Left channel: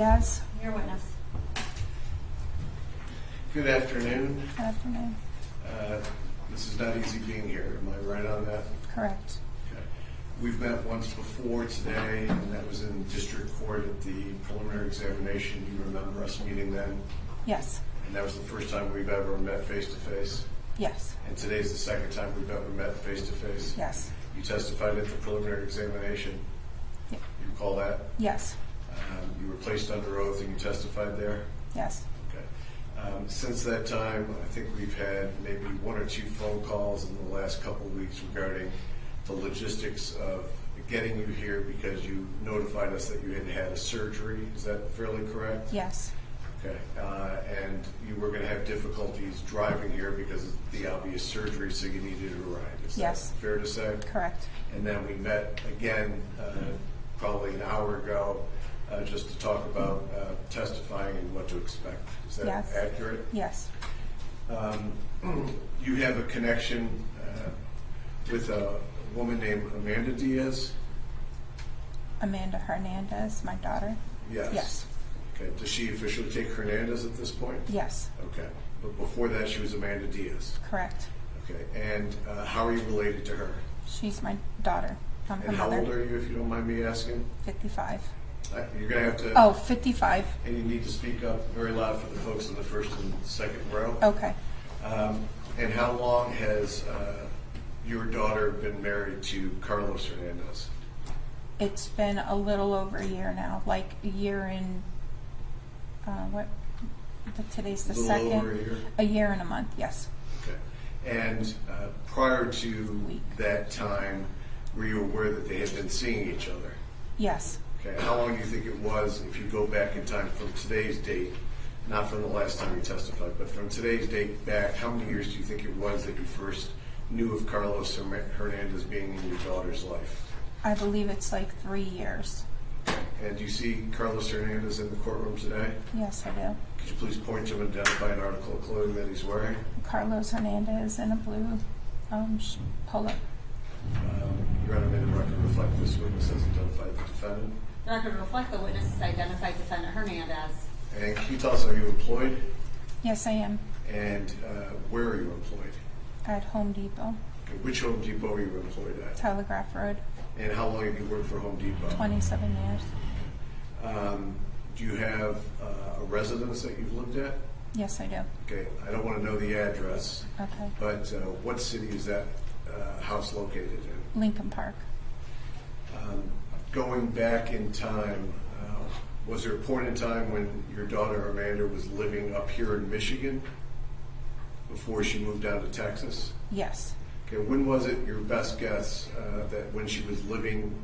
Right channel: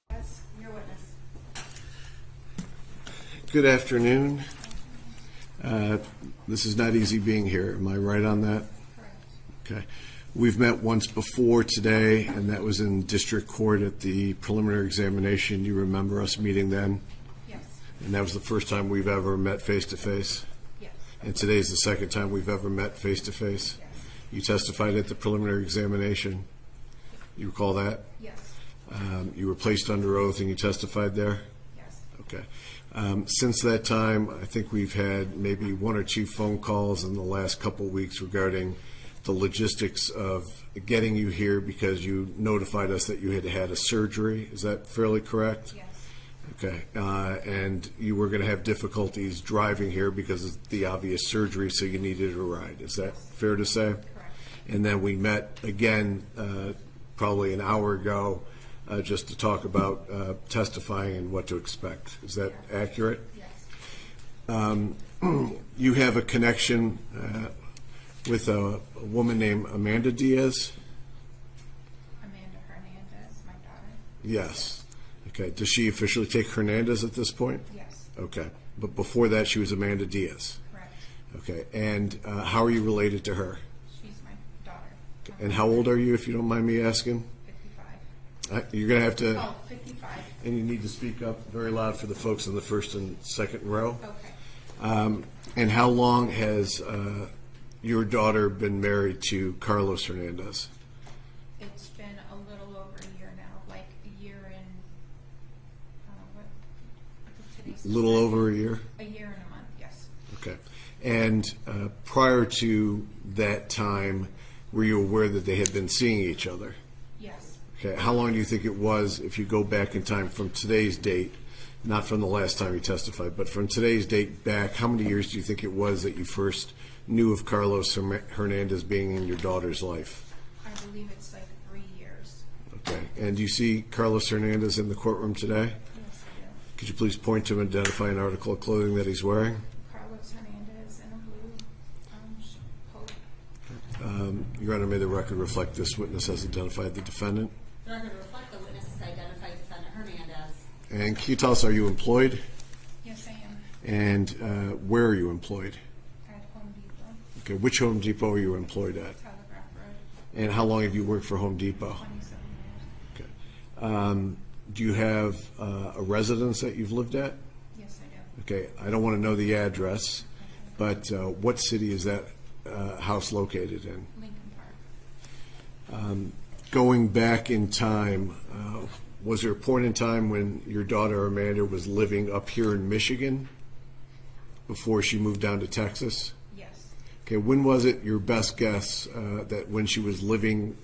Diaz. Your witness. Good afternoon. Good afternoon. This is not easy being here. Am I right on that? Correct. Okay. We've met once before today, and that was in district court at the preliminary examination. You remember us meeting then? Yes. And that was the first time we've ever met face-to-face? Yes. And today's the second time we've ever met face-to-face? Yes. You testified at the preliminary examination? Yep. You recall that? Yes. You were placed under oath and you testified there? Yes. Okay. Since that time, I think we've had maybe one or two phone calls in the last couple of weeks regarding the logistics of getting you here because you notified us that you had had a surgery. Is that fairly correct? Yes. Okay. And you were going to have difficulties driving here because of the obvious surgery, so you needed a ride. Is that Yes. fair to say? Correct. And then we met again probably an hour ago just to talk about testifying and what to expect. Is that Yes. accurate? Yes. You have a connection with a woman named Amanda Diaz? Amanda Hernandez, my daughter. Yes. Yes. Okay. Does she officially take Hernandez at this point? Yes. Okay. But before that, she was Amanda Diaz. Correct. Okay. And how are you related to her? She's my daughter. I'm And her how mother. old are you, if you don't mind me asking? 55. You're going to have to... Oh, 55. And you need to speak up very loud for the folks in the first and second row. Okay. And how long has your daughter been married to Carlos Hernandez? It's been a little over a year now, like a year and today's the Little second. over a year? A year and a month, yes. Okay. And prior to that time, were you aware that they had been seeing each other? Yes. Okay. How long do you think it was, if you go back in time from today's date, not from the last time you testified, but from today's date back, how many years do you think it was that you first knew of Carlos Hernandez being in your daughter's life? I believe it's like 3 years. Okay. And do you see Carlos Hernandez in the courtroom today? Yes, I do. Could you please point to and identify an article of clothing that he's wearing? Carlos Hernandez in a blue polo. Your Honor, may the record reflect this witness has identified the defendant. The record reflect the witness has identified defendant Hernandez. And can you tell us, are you employed? Yes, I am. And where are you employed? At Home Depot, Okay, which Home Depot are you employed at? Telegraph Road, And how long have you worked for Home Depot? 27 years. Do you have a residence that you've lived at? Yes, I do. Okay, I don't want to know the address, Okay. but what city is that house located in? Lincoln Park. Going back in time, was there a point in time when your daughter Amanda was living up here in Michigan before she moved down to Texas? Yes. Okay, when was it your best guess that when she was living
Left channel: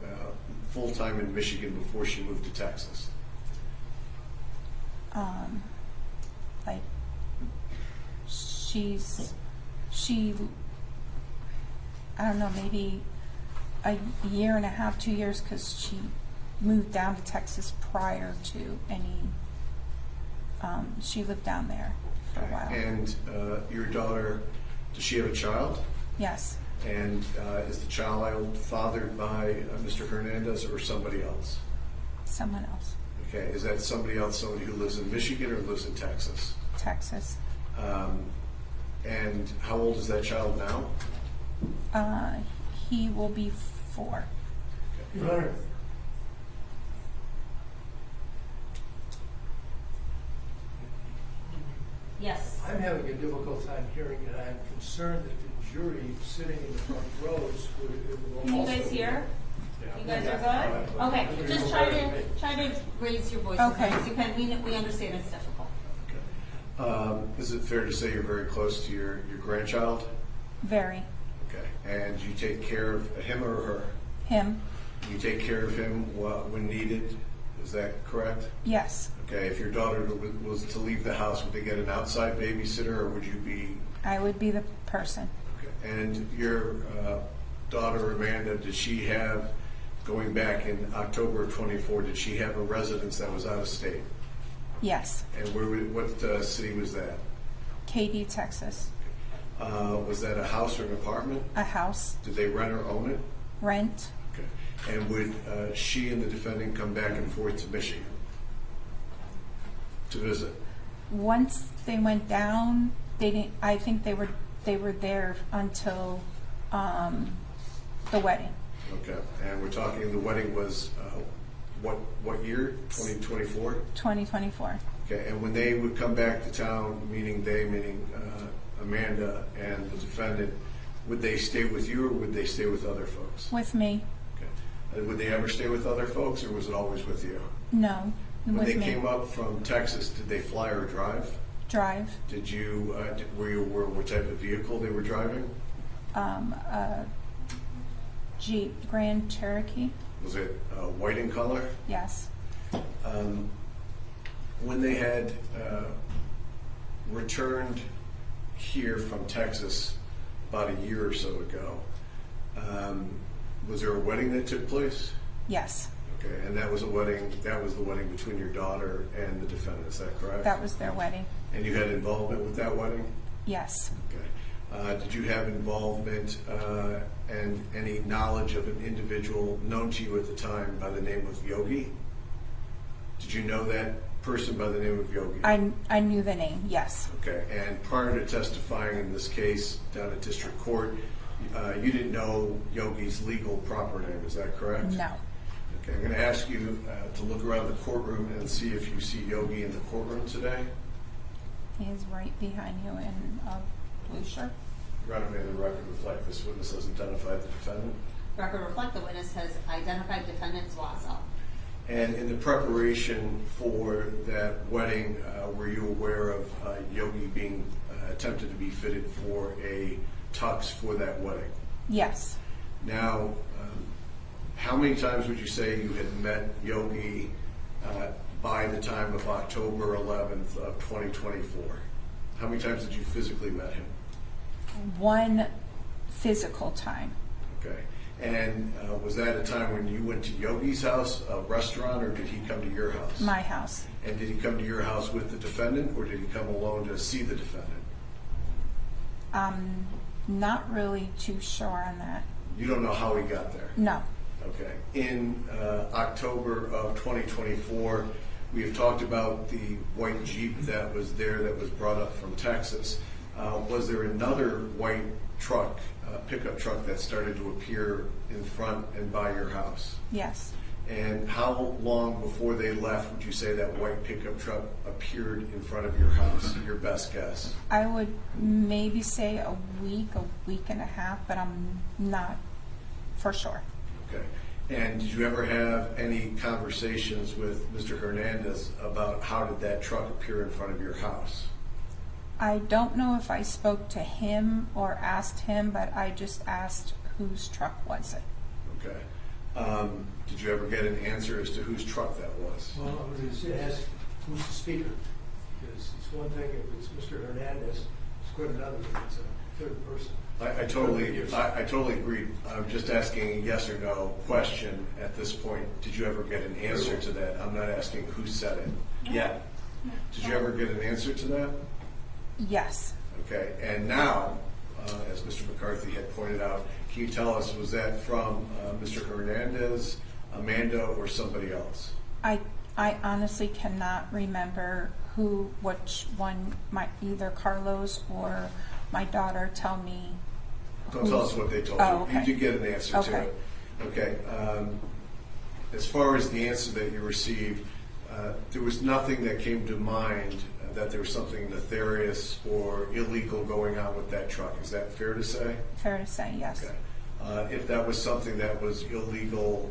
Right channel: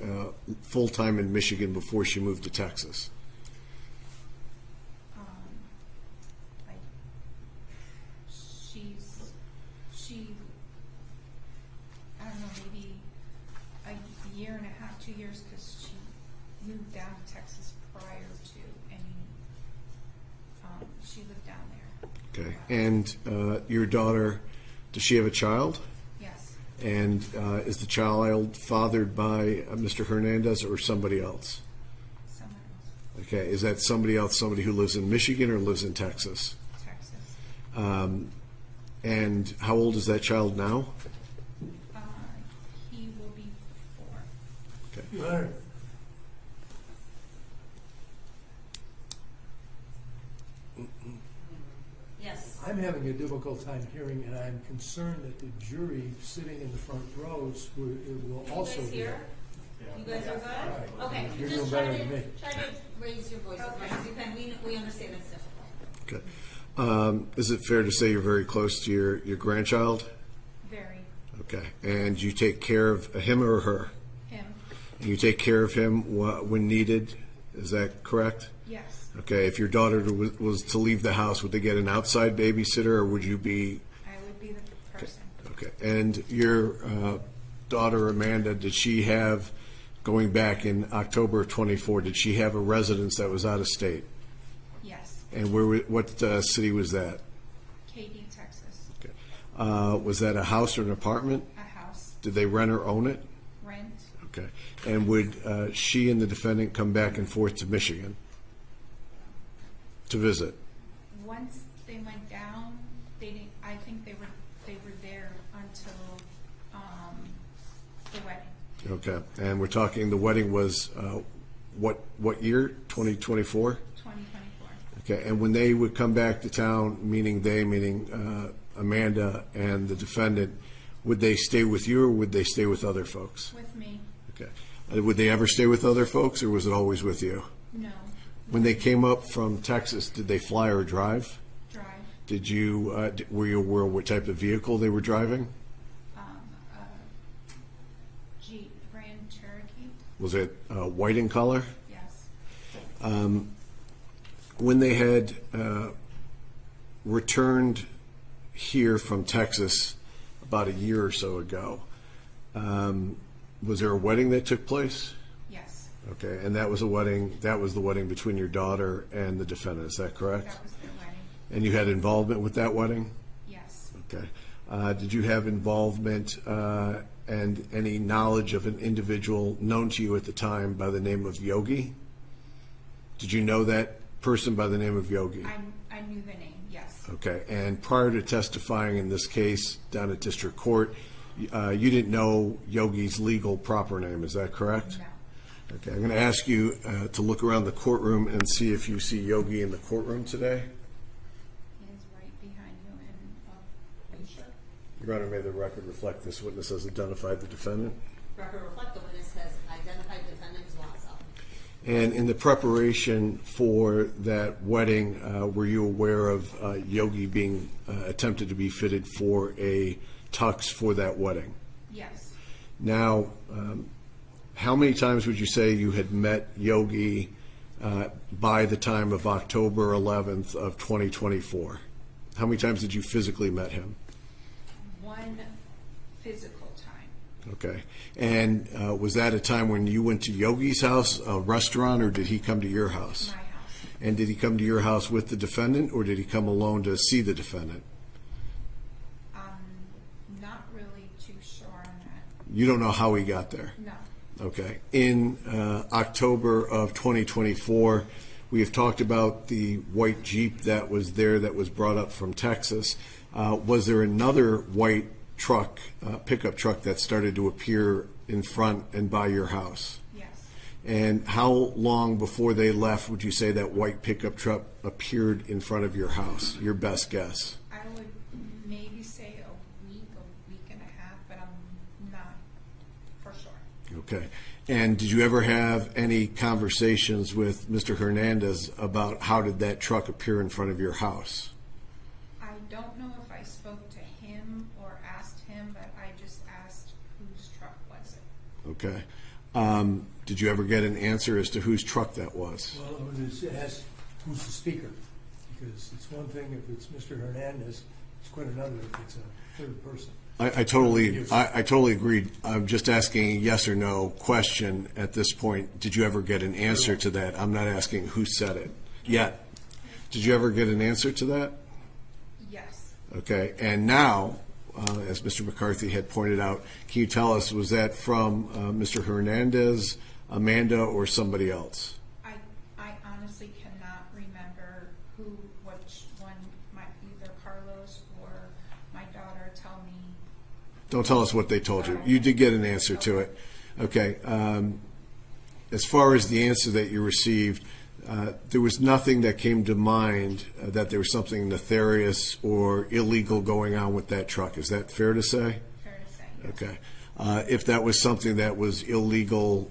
full-time in Michigan before she moved to Texas? Like I don't know, maybe a year and a half, 2 years, because she moved down to Texas prior to any. She lived down there for a Okay. while. And your daughter, does she have a child? Yes. And is the child fathered by Mr. Hernandez or somebody else? Someone else. Okay, is that somebody else, somebody who lives in Michigan or lives in Texas? Texas. And how old is that child now? He will be 4. Okay. Yes. I'm having a difficult time hearing, and I'm concerned that the jury sitting in the front rows will Can you also... guys hear? You guys are Yeah. good? Okay, You're just better try than me. to raise your voice Okay. as much as you can. We understand it's difficult. Okay. Is it fair to say you're very close to your grandchild? Very. Okay. And you take care of him or her? Him. You take care of him when needed? Is that correct? Yes. Okay. If your daughter was to leave the house, would they get an outside babysitter or would you be... I would be the person. Okay. And your daughter, Amanda, did she have, going back in October of 24, did she have a residence that was out of state? Yes. And what city was that? Katy, Texas. Was that a house or an apartment? A house. Did they rent or own it? Rent. Okay. And would she and the defendant come back and forth to Michigan? to visit? Once they went down, they didn't, I think they were there until, the wedding. Okay, and we're talking, the wedding was, what year? 2024? 2024. Okay, and when they would come back to town, meaning Amanda and the defendant, would they stay with you or would they stay with other folks? With me? Okay. Would they ever stay with other folks or was it always with you? No. When they with me. came up from Texas, did they fly or drive? Drive. Did you, were you aware what type of vehicle they were driving? Jeep Grand Cherokee? Was it white in color? Yes. When they had returned here from Texas about a year or so ago, was there a wedding that took place? Yes. Okay, and that was the wedding between your daughter and the defendant, is that correct? That was their wedding. And you had involvement with that wedding? Yes. Okay. Did you have involvement and any knowledge of an individual known to you at the time by the name of Yogi? Did you know that person by the name of Yogi? I knew the name, yes. Okay, and prior to testifying in this case down at district court, you didn't know Yogi's legal proper name, is that correct? No. Okay, I'm going to ask you to look around the courtroom and see if you see Yogi in the courtroom today. He is right behind you in a blue shirt. Your Honor, may the record reflect this witness has identified the defendant. Record reflect the witness has identified defendant Zuazo. And in the preparation for that wedding, were you aware of Yogi being attempted to be fitted for a tux for that wedding? Yes. Now, how many times would you say you had met Yogi by the time of October 11th of 2024? How many times did you physically met him? One physical time. Okay. And was that a time when you went to Yogi's house, a restaurant, or did he come to your house? My house. And did he come to your house with the defendant, or did he come alone to see the defendant? Not really too sure on that. You don't know how he got there? No. Okay. In October of 2024, we have talked about the white Jeep that was there that was brought up from Texas. Was there another white truck, pickup truck that started to appear in front and by your house? Yes. And how long before they left would you say that white pickup truck appeared in front of your house? Your best guess? I would maybe say a week and a half, but I'm not for sure. Okay. And did you ever have any conversations with Mr. Hernandez about how did that truck appear in front of your house? I don't know if I spoke to him or asked him, but I just asked whose truck was it. Okay. Did you ever get an answer as to whose truck that was? Well, I was going to ask who's the speaker, because it's one thing if it's Mr. Hernandez, it's quite another if it's a third person. I totally agreed. I'm just asking a yes or no question at this point. Did you ever get an answer to that? I'm not asking who said it yet. Did you ever get an answer to that? Yes. Okay. And now, as Mr. McCarthy had pointed out, can you tell us, was that from Mr. Hernandez, Amanda, or somebody else? I honestly cannot remember which one, either Carlos or my daughter tell me. Don't tell us what they told you. Oh, okay. You did get an answer to Okay. it. Okay. As far as the answer that you received, there was nothing that came to mind that there was something nefarious or illegal going on with that truck. Is that fair to say? Fair to say, yes. Okay. If that was something that was illegal,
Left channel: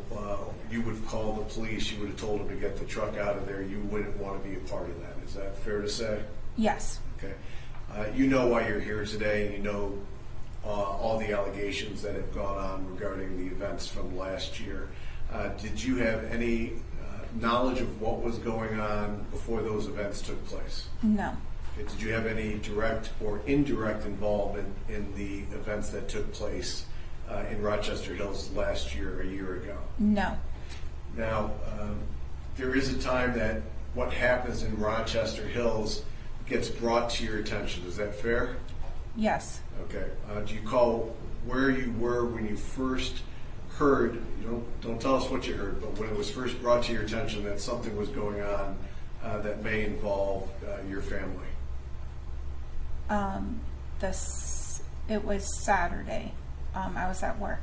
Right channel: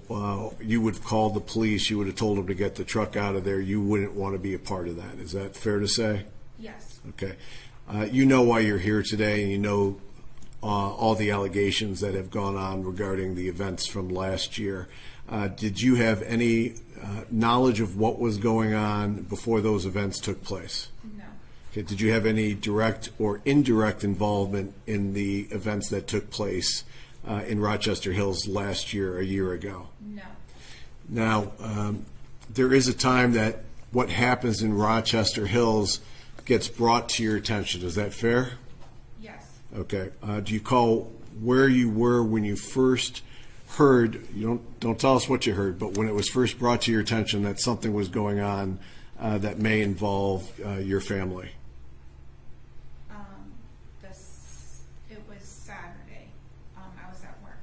you would have called the police. You would have told them to get the truck out of there. You wouldn't want to be a part of that. Is that fair to say? Yes. Okay. You know why you're here today, and you know all the allegations that have gone on regarding the events from last year. Did you have any knowledge of what was going on before those events took place? No. Okay. Did you have any direct or indirect involvement in the events that took place in Rochester Hills last year, a year ago? No. Now, there is a time that what happens in Rochester Hills gets brought to your attention. Is that fair? Yes. Okay. Do you recall where you were when you first heard, you don't tell us what you heard, but when it was first brought to your attention that something was going on that may involve your family? It was Saturday. I was at work.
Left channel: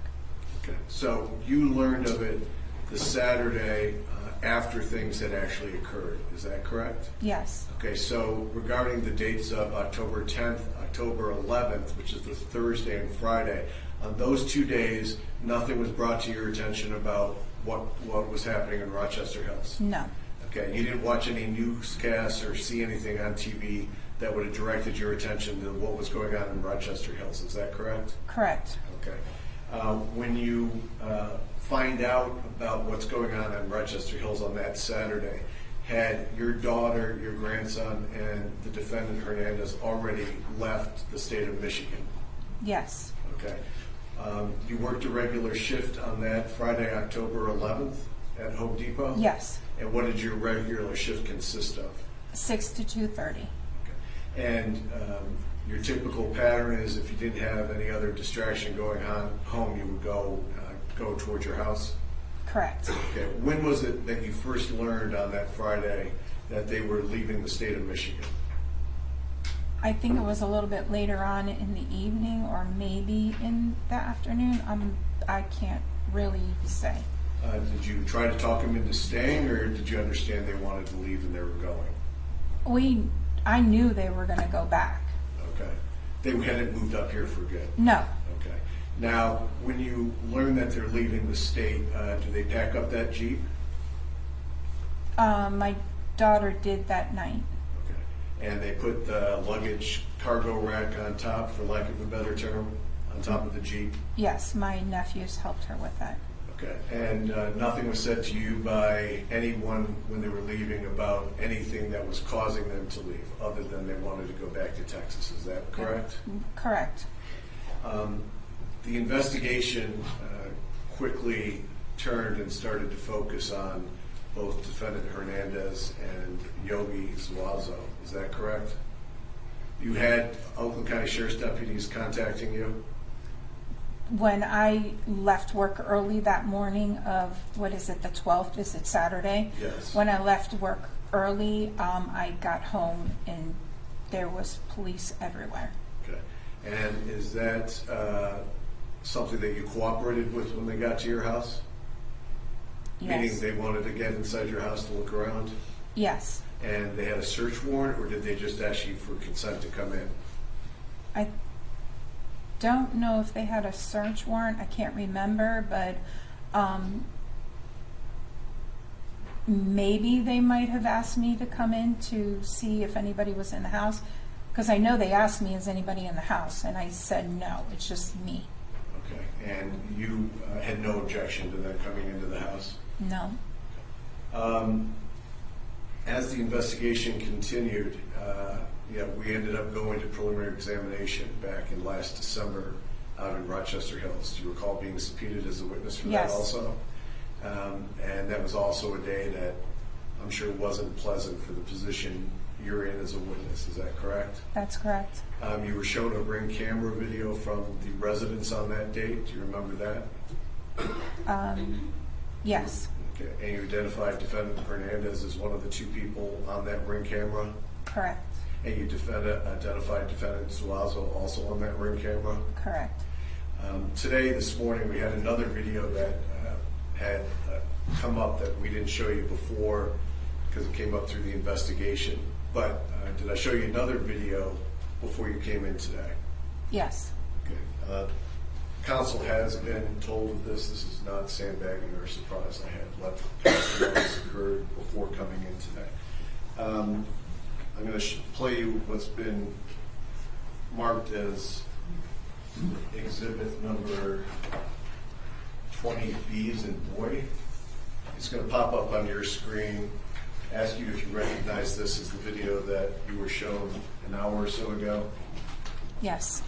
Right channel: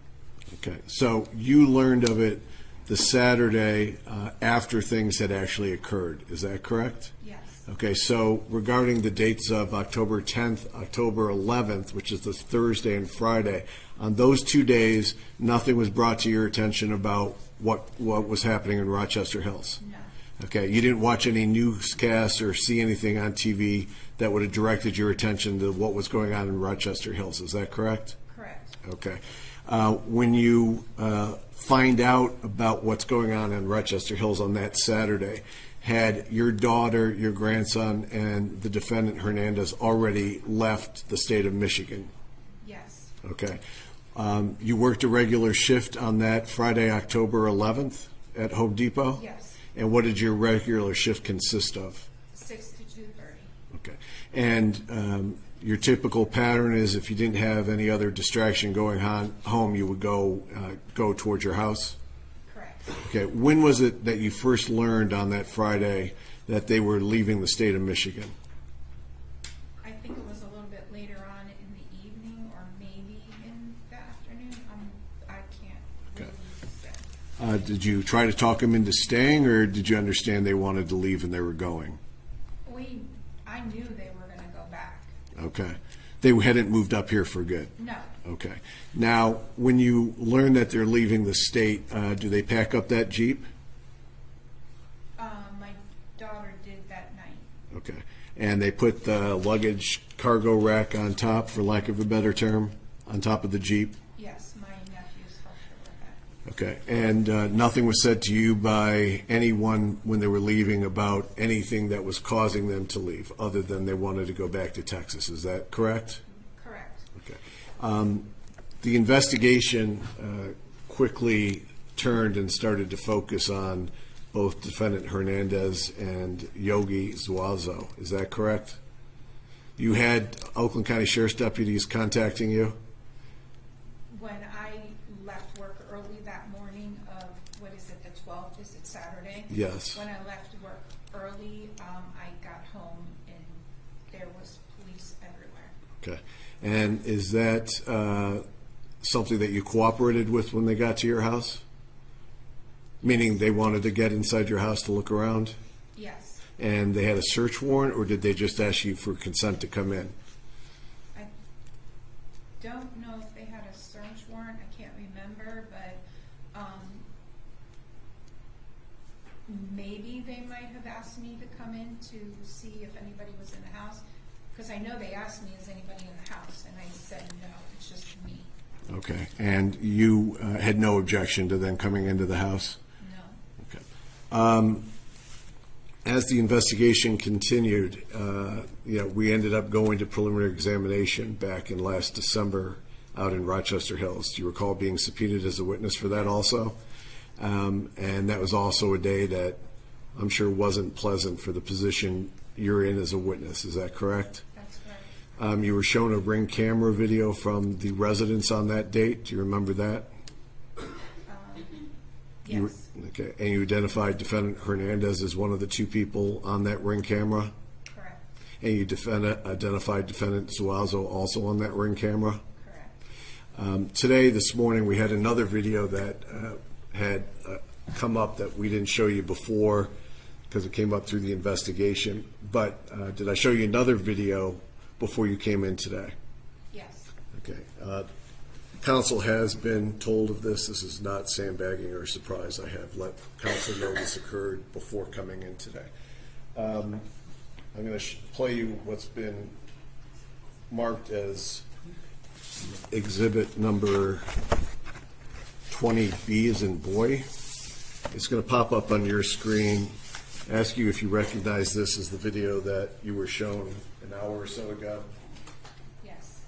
Okay, so you learned of it the Saturday after things had actually occurred. Is that correct? Yes. Okay, so regarding the dates of October 10th, October 11th, which is the Thursday and Friday, on those 2 days, nothing was brought to your attention about what was happening in Rochester Hills? No. Okay, you didn't watch any newscasts or see anything on TV that would have directed your attention to what was going on in Rochester Hills. Is that correct? Correct. Okay. When you find out about what's going on in Rochester Hills on that Saturday, had your daughter, your grandson, and the defendant Hernandez already left the state of Michigan? Yes. Okay. You worked a regular shift on that Friday, October 11th at Home Depot? Yes. And what did your regular shift consist of? 6 to 2:30. Okay. And your typical pattern is if you didn't have any other distraction going on home, you would go towards your house? Correct. Okay. When was it that you first learned on that Friday that they were leaving the state of Michigan? I think it was a little bit later on in the evening or maybe in the afternoon. I can't really say. Did you try to talk them into staying, or did you understand they wanted to leave and they were going? I knew they were going to go back. Okay. They hadn't moved up here for good? No. Okay. Now, when you learn that they're leaving the state, do they pack up that Jeep? My daughter did that night. Okay. And they put the luggage cargo rack on top, for lack of a better term, on top of the Jeep? Yes, my nephews helped her with that. Okay. And nothing was said to you by anyone when they were leaving about anything that was causing them to leave, other than they wanted to go back to Texas. Is that correct? Correct. The investigation quickly turned and started to focus on both defendant Hernandez and Yogi Zuazo. Is that correct? You had Oakland County Sheriff's deputies contacting you? When I left work early that morning of, what is it, the 12th? Is it Saturday? Yes. When I left work early, I got home and there was police everywhere. Okay. And is that something that you cooperated with when they got to your house? Meaning Yes. they wanted to get inside your house to look around? Yes. And they had a search warrant, or did they just ask you for consent to come in? I don't know if they had a search warrant. I can't remember, but maybe they might have asked me to come in to see if anybody was in the house. Because I know they asked me, is anybody in the house? And I said, no, it's just me. Okay. And you had no objection to them coming into the house? No. Okay. As the investigation continued, we ended up going to preliminary examination back in last December out in Rochester Hills. Do you recall being subpoenaed as a witness for that Yes. also? And that was also a day that I'm sure wasn't pleasant for the position you're in as a witness. Is that correct? That's correct. You were shown a Ring camera video from the residence on that date. Do you remember that? Yes. Okay. And you identified defendant Hernandez as one of the two people on that Ring camera? Correct. And you identified defendant Zuazo also on that Ring camera? Correct. This morning, we had another video that had come up that we didn't show you before because it came up through the investigation. But did I show you another video before you came in today? Yes. Okay. Council has been told of this. This is not sandbagging or surprise. I have let council know this occurred before coming in today. I'm going to play you what's been marked as exhibit number 20B as in boy. It's going to pop up on your screen. Ask you if you recognize this as the video that you were shown an hour or so ago. Yes.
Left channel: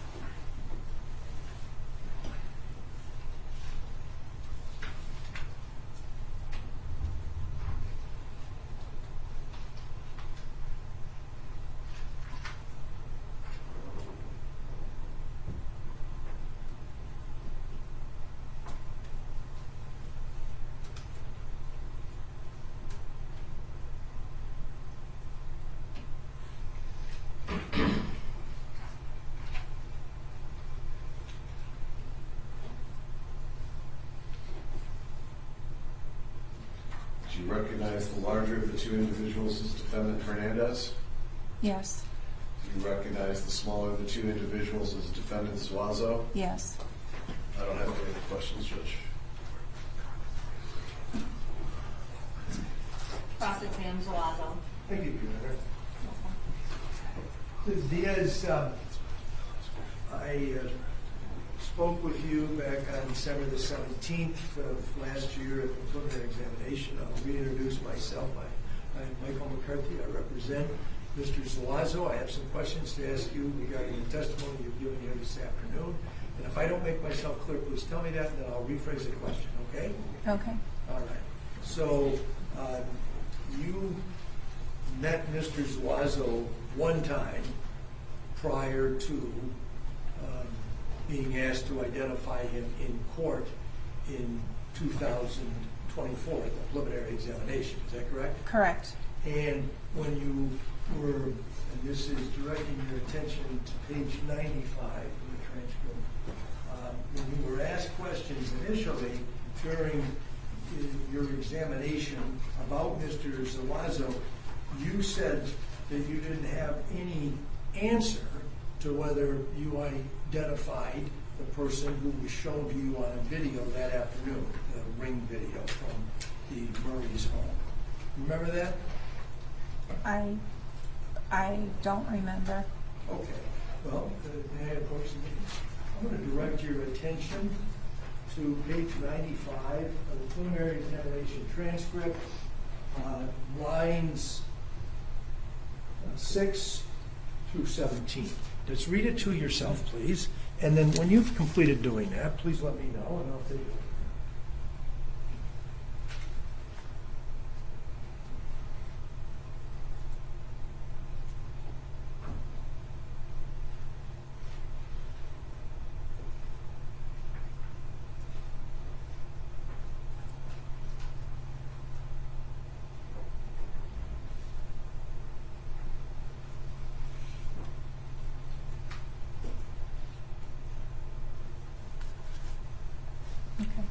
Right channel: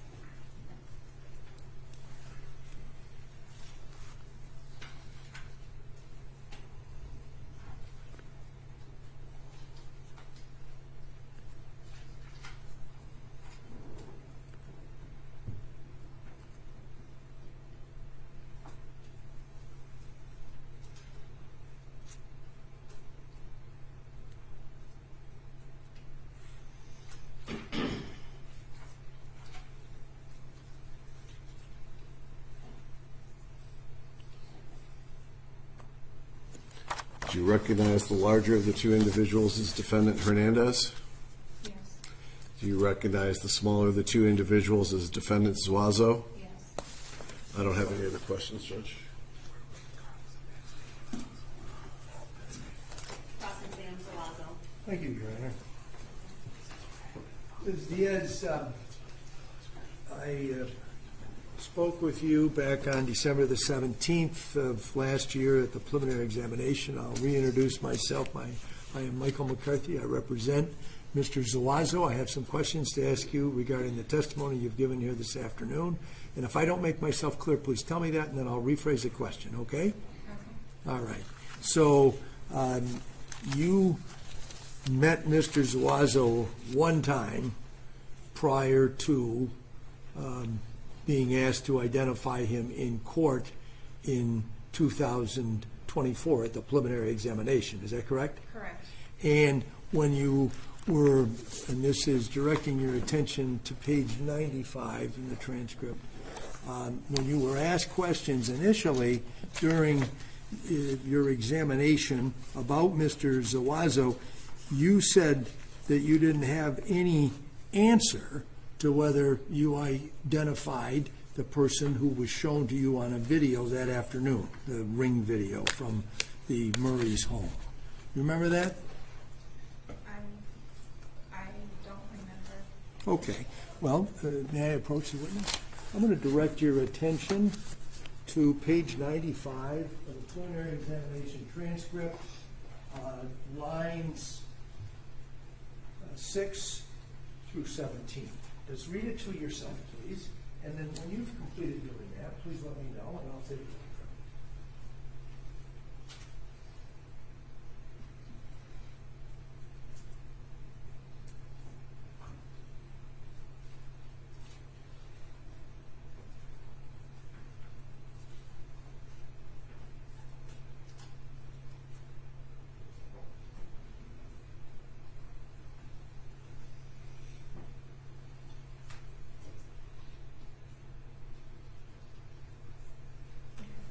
Do you recognize the larger of the two individuals as defendant Hernandez? Yes. Do you recognize the smaller of the two individuals as defendant Zuazo? Yes. I don't have any other questions, Judge. Cross-exam Zuazo. Thank you, Your Honor. Ms. Diaz, I spoke with you back on December the 17th of last year at the preliminary examination. I'll reintroduce myself. I am Michael McCarthy. I represent Mr. Zuazo. I have some questions to ask you regarding the testimony you've given here this afternoon. And if I don't make myself clear, please tell me that, and then I'll rephrase the question, okay? Okay. All right. So you met Mr. Zuazo one time prior to being asked to identify him in court in 2024 at the preliminary examination. Is that correct? Correct. And when you were, and this is directing your attention to page 95 in the transcript, when you were asked questions initially during your examination about Mr. Zuazo, you said that you didn't have any answer to whether you identified the person who was shown to you on a video that afternoon, the ring video from the Murray's home. You remember that? I don't remember. Okay. Well, may I approach the witness? I'm going to direct your attention to page 95 of the preliminary examination transcript, lines 6 through 17. Let's read it to yourself, please. And then when you've completed doing that, please let me know, and I'll take it. Okay.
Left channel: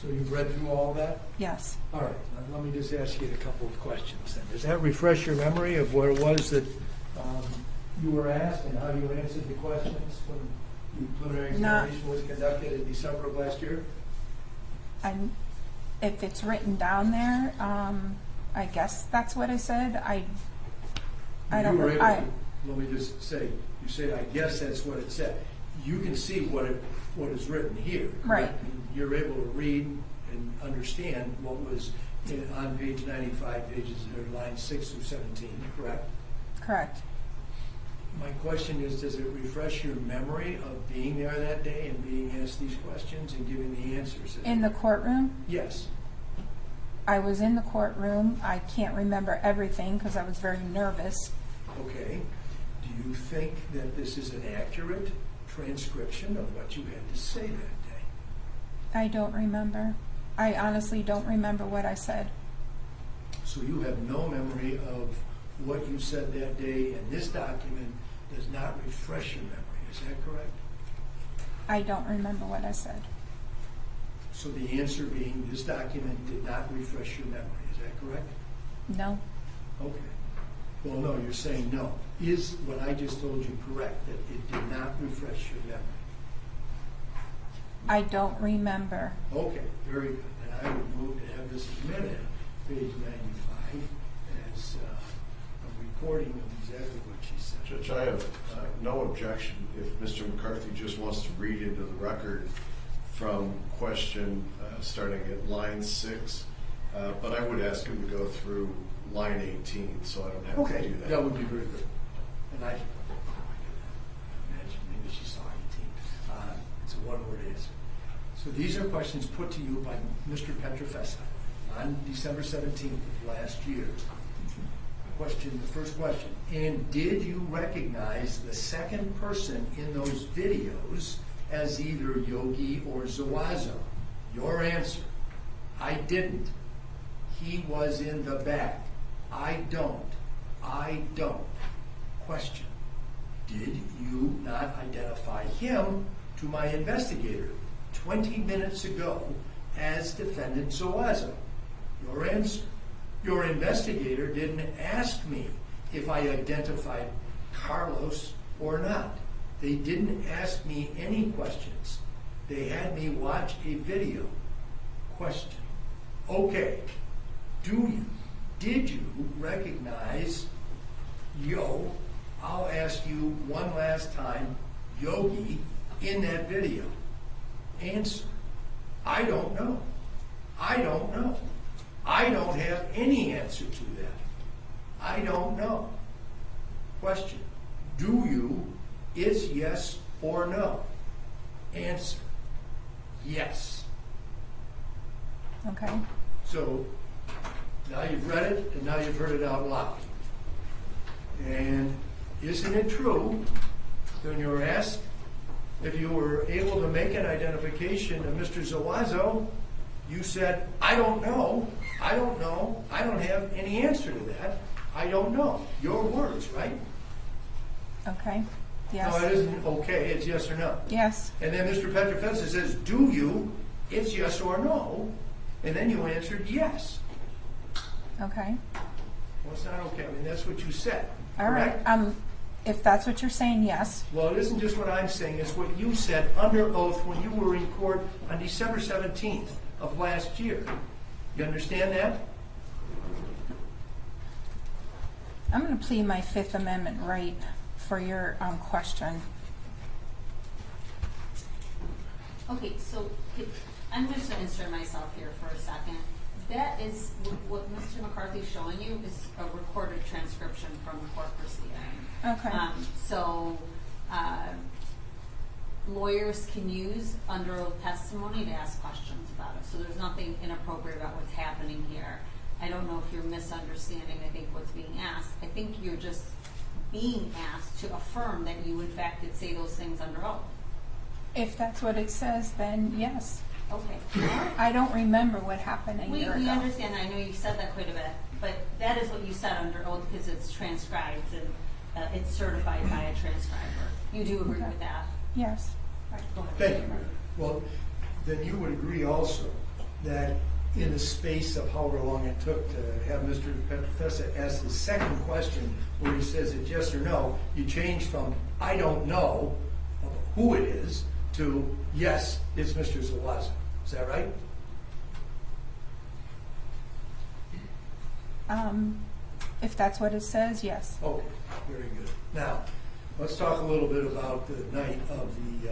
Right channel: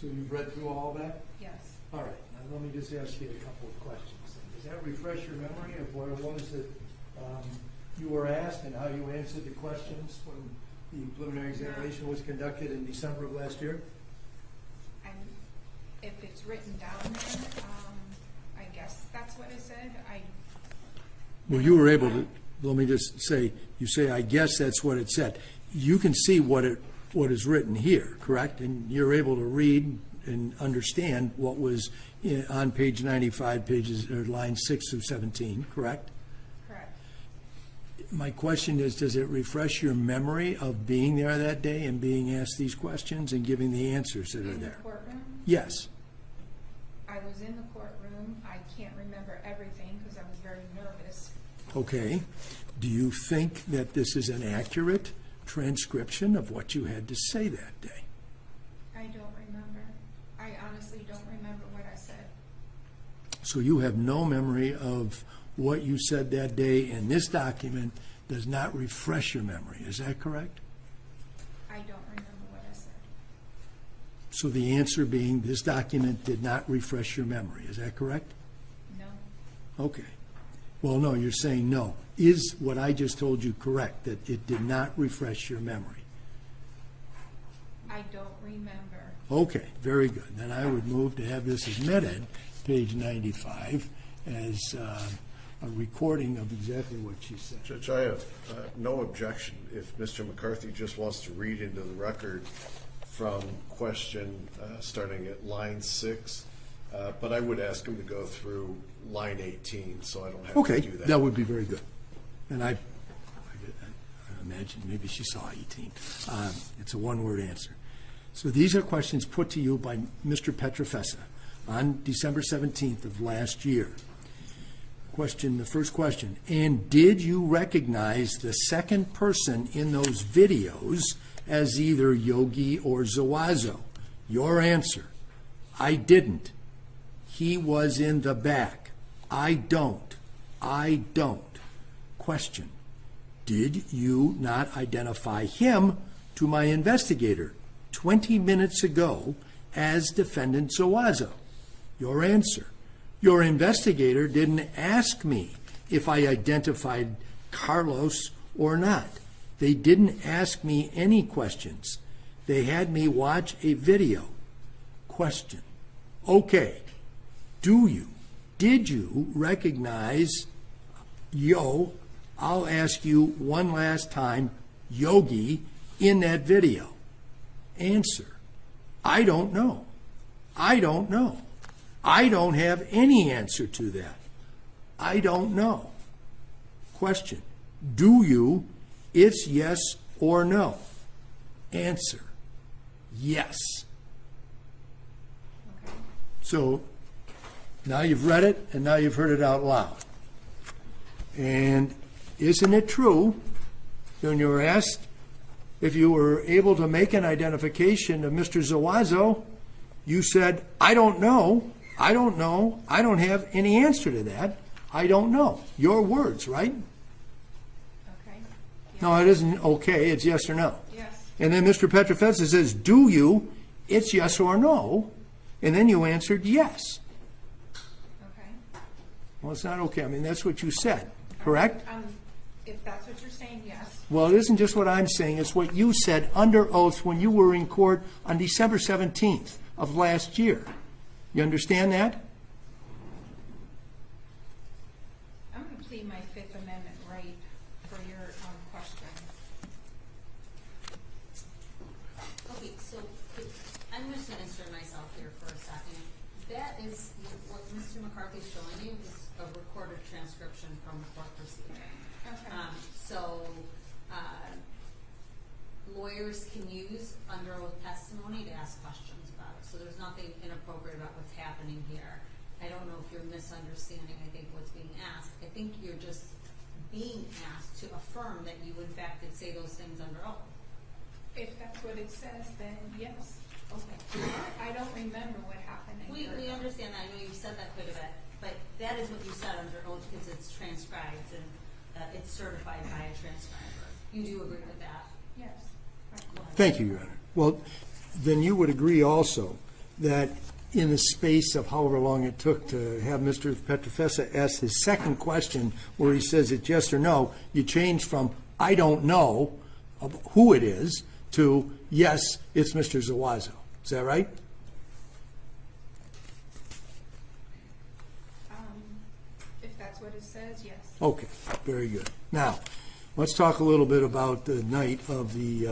So you've read through all that? Yes. All right, now let me just ask you a couple of questions then. Does that refresh your memory of what it was that you were asked and how you answered the questions when the preliminary examination was conducted in December of last year? If it's written down there, I guess that's what I said. Well, you were able to, let me just say, you say, I guess that's what it said. You can see what is written here, correct? Right. And you're able to read and understand what was on page 95, lines 6 through 17, correct? Correct. My question is, does it refresh your memory of being there that day and being asked these questions and giving the answers? In the courtroom? Yes. I was in the courtroom. I can't remember everything because I was very nervous. Okay. Do you think that this is an accurate transcription of what you had to say that day? I don't remember. I honestly don't remember what I said. So you have no memory of what you said that day, and this document does not refresh your memory. Is that correct? I don't remember what I said. So the answer being this document did not refresh your memory. Is that correct? No. Okay. Well, no, you're saying no. Is what I just told you correct, that it did not refresh your memory? I don't remember. Okay, very good. Then I would move to have this admitted, page 95, as a recording of exactly what she said. Judge, I have no objection if Mr. McCarthy just wants to read into the record from question starting at line 6, but I would ask him to go through line 18 so I don't have Okay, to do that. that would be very good. And I imagine maybe she saw 18. It's a one-word answer. So these are questions put to you by Mr. Petrofessa on December 17th of last year. Question, the first question, and did you recognize the second person in those videos as either Yogi or Zuazo? Your answer, I didn't. He was in the back. I don't. I don't. Question, did you not identify him to my investigator 20 minutes ago as defendant Zuazo? Your answer, Your investigator didn't ask me if I identified Carlos or not. They didn't ask me any questions. They had me watch a video. Question. Okay, did you recognize I'll ask you one last time, Yogi, in that video? Answer. I don't know. I don't know. I don't have any answer to that. I don't know. Question. Do you? It's yes or no. Answer. Yes. Okay. So now you've read it and now you've heard it out loud. And isn't it true when you were asked if you were able to make an identification of Mr. Zuazo, you said, I don't know, I don't know, I don't have any answer to that, I don't know. Your words, right? Okay. Yes. No, it isn't okay, it's yes or no. Yes. And then Mr. Petrofetsa says, do you? It's yes or no. And then you answered yes. Okay. Well, it's not okay. I mean, that's what you said, All correct? right. If that's what you're saying, yes. Well, it isn't just what I'm saying. It's what you said under oath when you were in court on December 17th of last year. You understand that? I'm going to plead my Fifth Amendment right for your question. Okay, so I'm just going to insert myself here for a second. That is, what Mr. McCarthy's showing you is a recorded transcription from the court proceeding. Okay. So lawyers can use under oath testimony to ask questions about it. So there's nothing inappropriate about what's happening here. I don't know if you're misunderstanding, I think, what's being asked. I think you're just being asked to affirm that you, in fact, did say those things under oath. If that's what it says, then yes. Okay. I don't remember what happened a We year ago. understand. I know you've said that quite a bit, but that is what you said under oath because it's transcribed and it's certified by a transcriber. You do agree with that? Yes. Right, go ahead. Thank you, Rita. Well, then you would agree also that in the space of however long it took to have Mr. Petrofessa ask his second question where he says it's yes or no, you changed from I don't know of who it is to yes, it's Mr. Zuazo. Is that right? If that's what it says, yes. Okay, very good. Now, let's talk a little bit about the night of the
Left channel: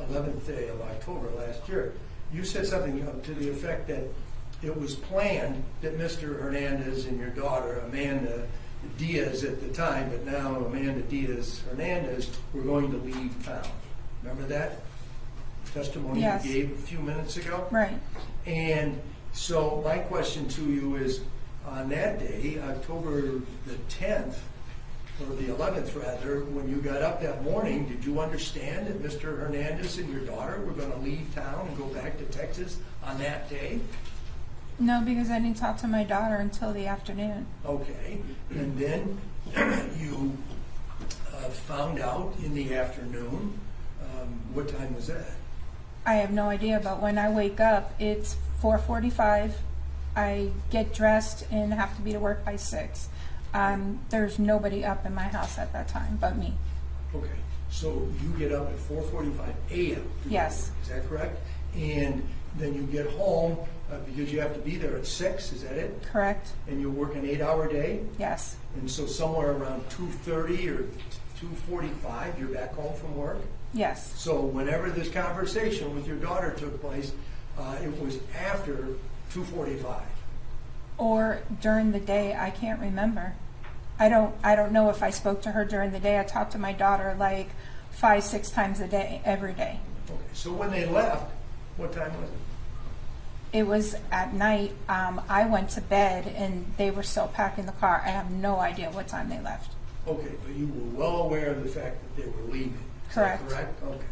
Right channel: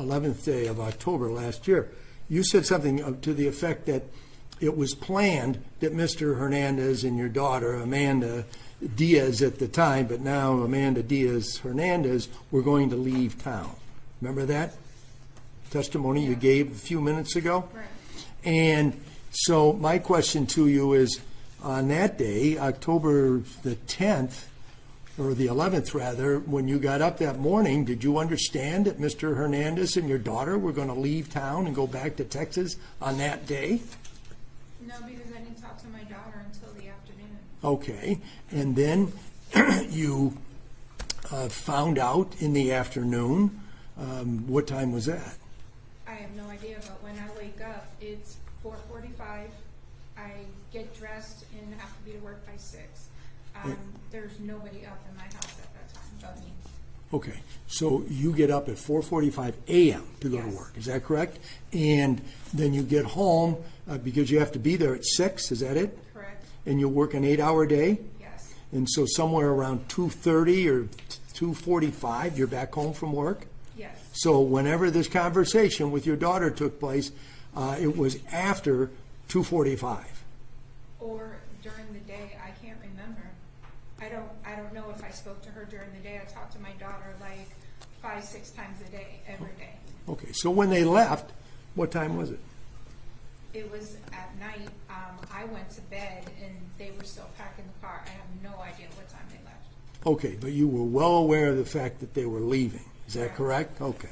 11th day of October last year. You said something to the effect that it was planned that Mr. Hernandez and your daughter, Amanda Diaz at the time, but now Amanda Diaz Hernandez, were going to leave town. Remember that testimony Yes. you gave a few minutes ago? Right. And so my question to you is, on that day, October the 10th, or the 11th rather, when you got up that morning, did you understand that Mr. Hernandez and your daughter were going to leave town and go back to Texas on that day? No, because I didn't talk to my daughter until the afternoon. Okay, and then you found out in the afternoon. What time was that? I have no idea, but when I wake up, it's 4:45. I get dressed and have to be to work by 6. There's nobody up in my house at that time but me. Okay, so you get up at 4:45 a.m. to go Yes. to work, is that correct? And then you get home because you have to be there at 6, is that it? Correct? And you work an 8-hour day? Yes. And so somewhere around 2:30 or 2:45, you're back home from work? Yes. So whenever this conversation with your daughter took place, it was after 2:45. Or during the day, I can't remember. I don't know if I spoke to her during the day. I talked to my daughter like 5-6 times a day, every day. Okay, so when they left, what time was it? It was at night. I went to bed and they were still packing the car. I have no idea what time they left. Okay, but you were well aware of the fact that they were leaving. Is that Correct. correct? Okay.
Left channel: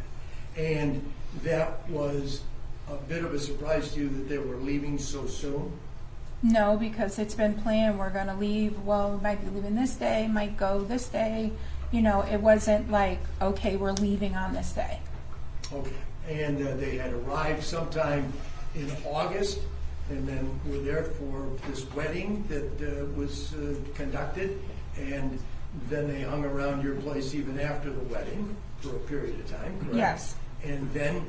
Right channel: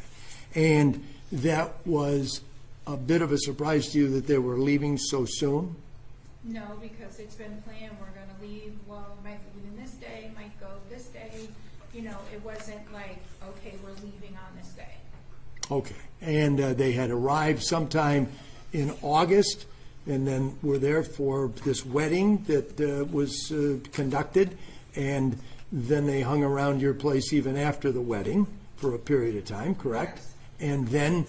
And that was a bit of a surprise to you that they were leaving so soon? No, because it's been planned. We're going to leave. Well, we might be leaving this day, might go this day. You know, it wasn't like, okay, we're leaving on this day. Okay. And they had arrived sometime in August and then were there for this wedding that was conducted, and then they hung around your place even after the wedding for a period of time, correct? Yes. And then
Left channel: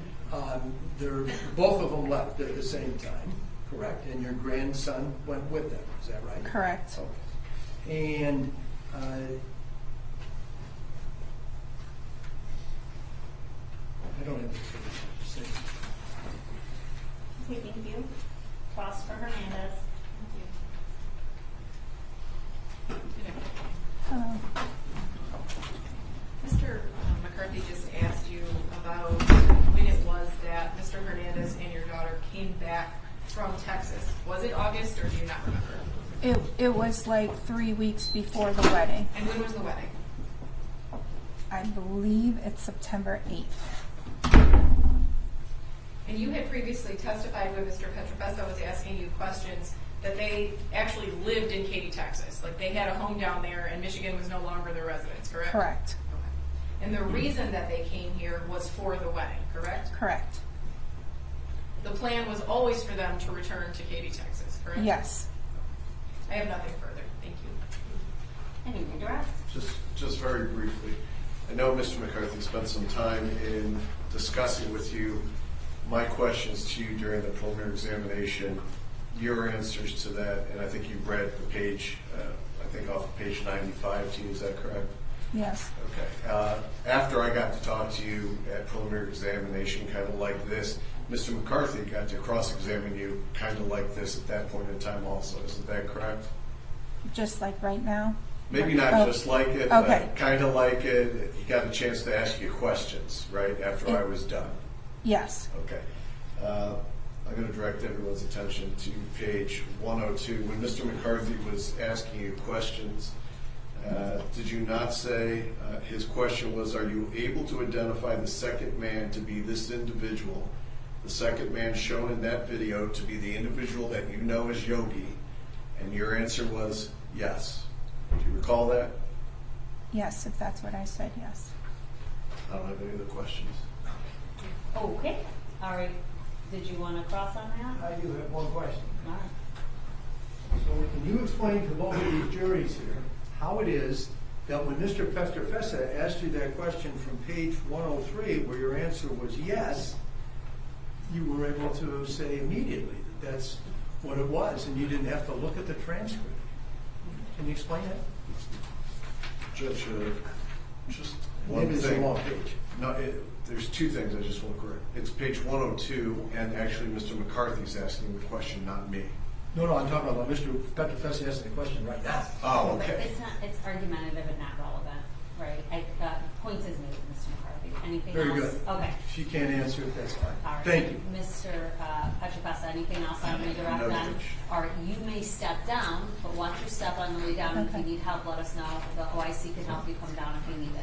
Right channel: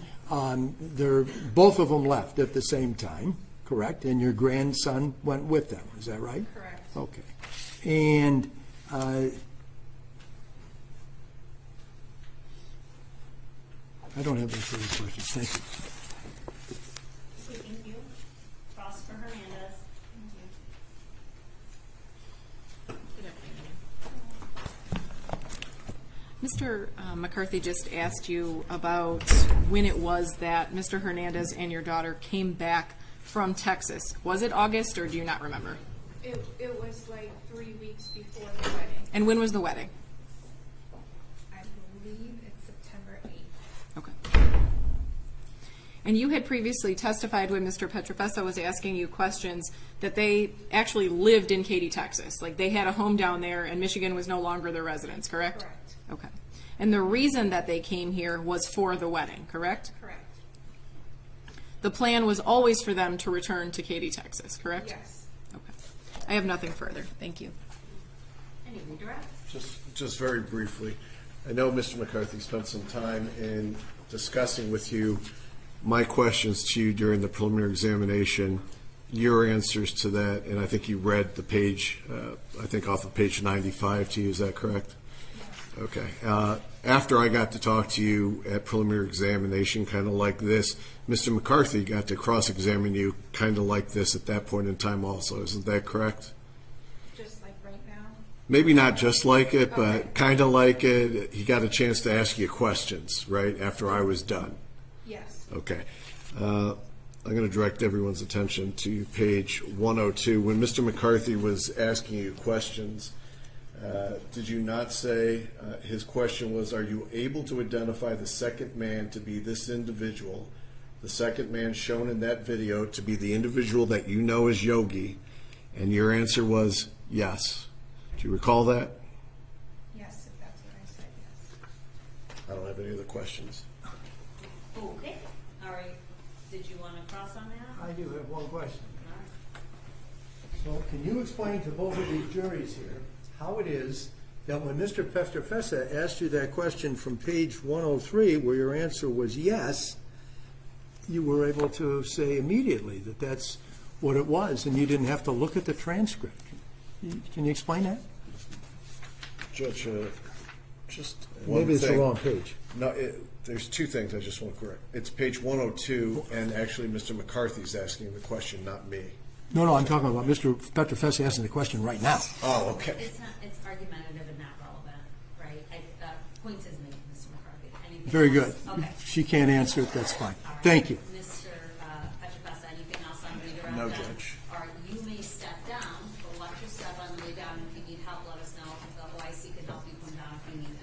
both of them left at the same time, correct? And your grandson went with them, is that right? Correct. Okay. And I don't have any further questions. Thank you. Okay, thank you. Cross for Hernandez. Mr. McCarthy just asked you about when it was that Mr. Hernandez and your daughter came back from Texas. Was it August, or do you not remember? It was like 3 weeks before the wedding. And when was the wedding? I believe it's September 8th. Okay. And you had previously testified when Mr. Petrofessa was asking you questions that they actually lived in Katy, Texas. Like they had a home down there and Michigan was no longer their residence, correct? Correct. Okay. And the reason that they came here was for the wedding, correct? Correct. The plan was always for them to return to Katy, Texas, correct? Yes. I have nothing further. Thank you. Any redirect? Just very briefly, I know Mr. McCarthy spent some time in discussing with you my questions to you during the preliminary examination, your answers to that, and I think you read the page, I think off of page 95 to you, is that correct? Yes. Okay. After I got to talk to you at preliminary examination, kind of like this, Mr. McCarthy got to cross-examine you kind of like this at that point in time also. Isn't that correct? Just like right now. Maybe not Oh. just like it, but Okay. kind of like it. He got a chance to ask you questions, right, after I was done. Yes. Okay. I'm going to direct everyone's attention to page 102. When Mr. McCarthy was asking you questions, did you not say his question was, are you able to identify the second man to be this individual, the second man shown in that video to be the individual that you know as Yogi? And your answer was yes. Do you recall that? Yes, if that's what I said, yes. I don't have any other questions. Okay, all right. Did you want to cross on that? I do have one question. All right. So can you explain to both of these juries here how it is that when Mr. Petrofessa asked you that question from page 103, where your answer was yes, you were able to say immediately that that's what it was, and you didn't have to look at the transcript? Can you explain that? Judge, just one Maybe it's the thing. wrong page. No, there's two things I just want to correct. It's page 102, and actually Mr. McCarthy's asking the question, not me. No, I'm talking about Mr. Petrofessa asking the question right now. Oh, okay. It's not, it's argumentative and not relevant, right? Point is made, Mr. McCarthy. Anything Very else? good. Okay. She can't answer it, that's fine. All right. Thank you. Mr. Petrofessa, anything else on redirect No, then? Judge. All right, you may step down, but watch your step on the way down. If Okay. you need help, let us know. The OIC can help you come down if you need it.